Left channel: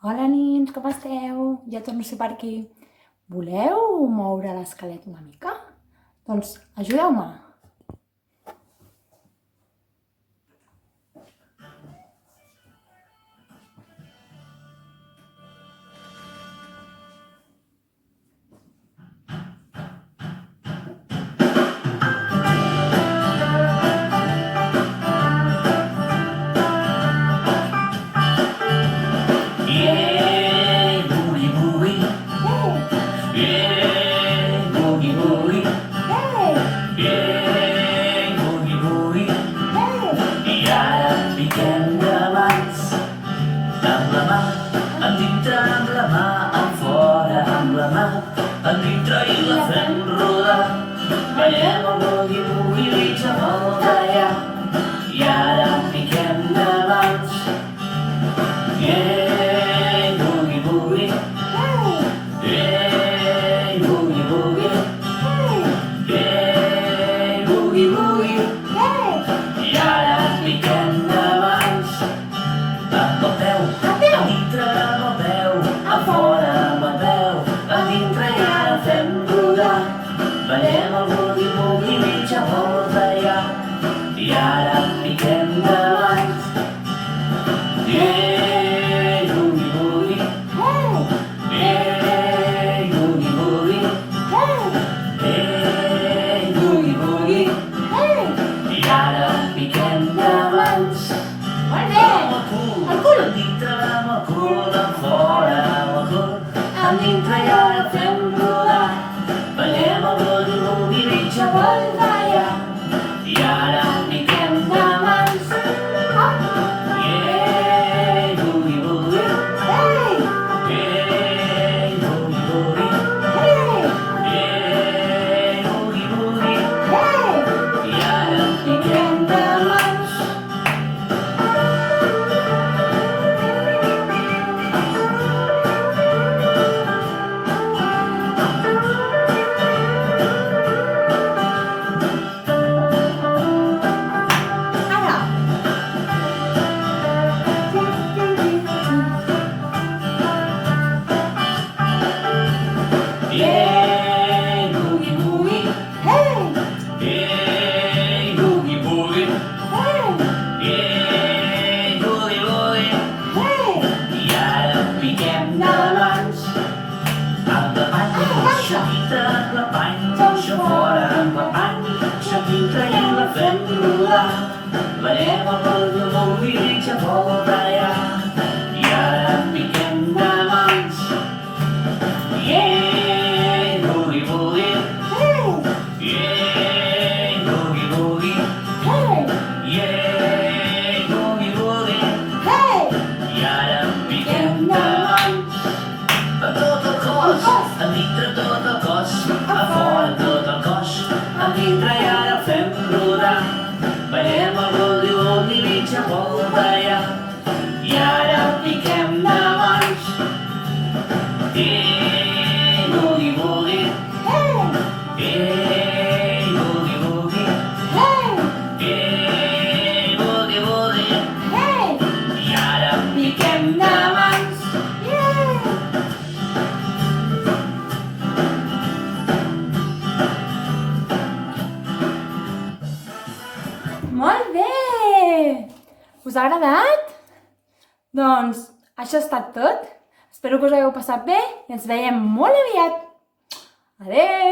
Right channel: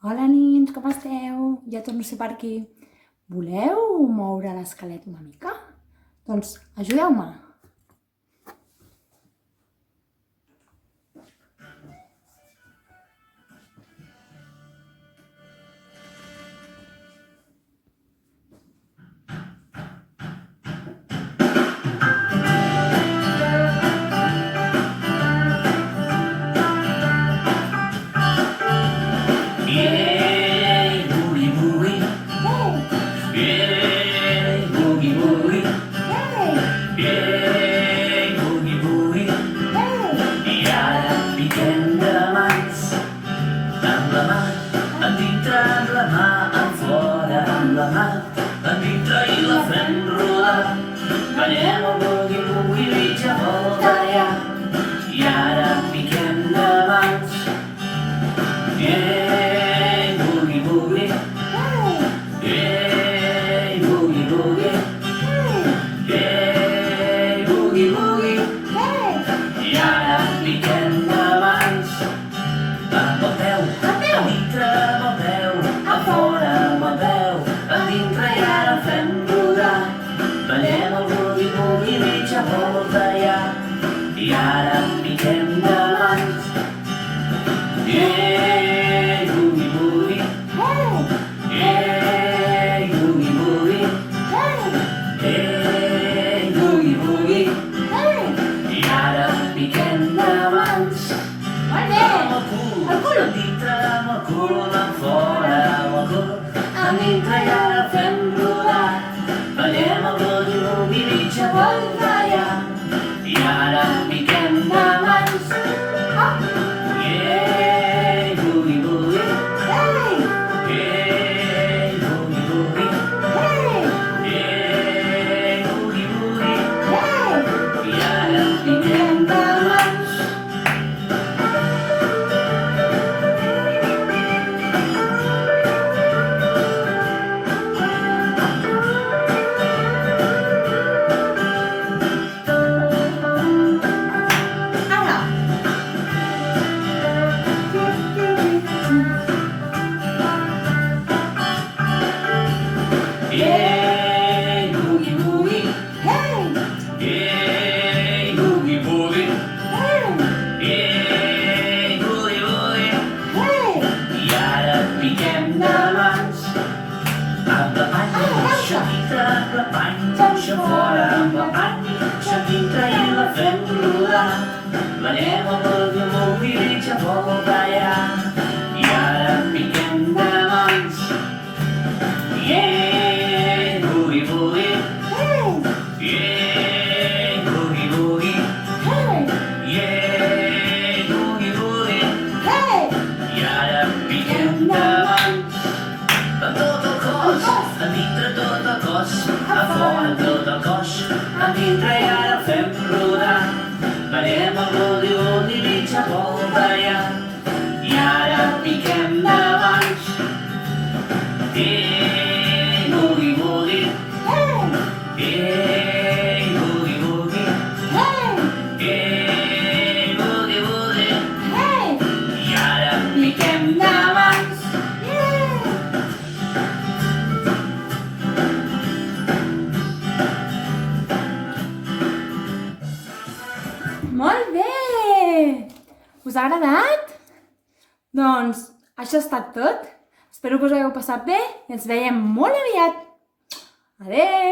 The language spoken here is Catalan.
Hola nins, com esteu? Ja torno a ser per aquí. Voleu moure l'esquelet una mica? Doncs ajudeu-me. Yeah, boogie boogie. Yeah, boogie boogie. Yeah, boogie boogie. I ara piquem de mans, amb la mà, endintre amb la mà, enfora amb la mà, endintre i la fem rodar. Ballem el boogie boogie mitja volta ja, i ara piquem de mans. Yeah. Boogie boogie, i ara piquem de mans, amb el peu, a dintre amb el peu, a fora amb el peu, a dintre i ara fem rodar. Ballem el boogie boogie mitja volta ja, i ara piquem de mans. Yeah, boogie boogie, yeah, boogie boogie, yeah, boogie boogie. I ara piquem de mans. Molt bé! El cul! Dintre amb el cul, fora amb el cul, dintre i ara fem rodar. Ballem el boogie boogie mitja volta ja, i ara piquem de mans. Yeah, boogie boogie, yeah, boogie boogie, yeah, boogie boogie. I ara piquem de mans. Ara! Yeah, boogie boogie, yeah, boogie boogie, yeah, boogie boogie. I ara piquem de mans, amb la panya, això dintre amb la panya, això fora amb la panya, això dintre i la fem rodar. Ballem el boogie boogie mitja volta ja, i ara piquem de mans. Yeah, boogie boogie, yeah, boogie boogie, yeah, boogie boogie. I ara piquem de mans, a tot el cos, a dintre tot el cos, a fora tot el cos, a dintre i ara fem rodar. Ballem el boogie boogie mitja volta ja, i ara piquem de mans. Yeah, boogie boogie, yeah, boogie boogie, yeah, boogie boogie. I ara piquem de mans. Molt bé! Us ha agradat? Doncs això ha estat tot. Espero que us ho hagueu passat bé i ens veiem molt aviat. Adeu!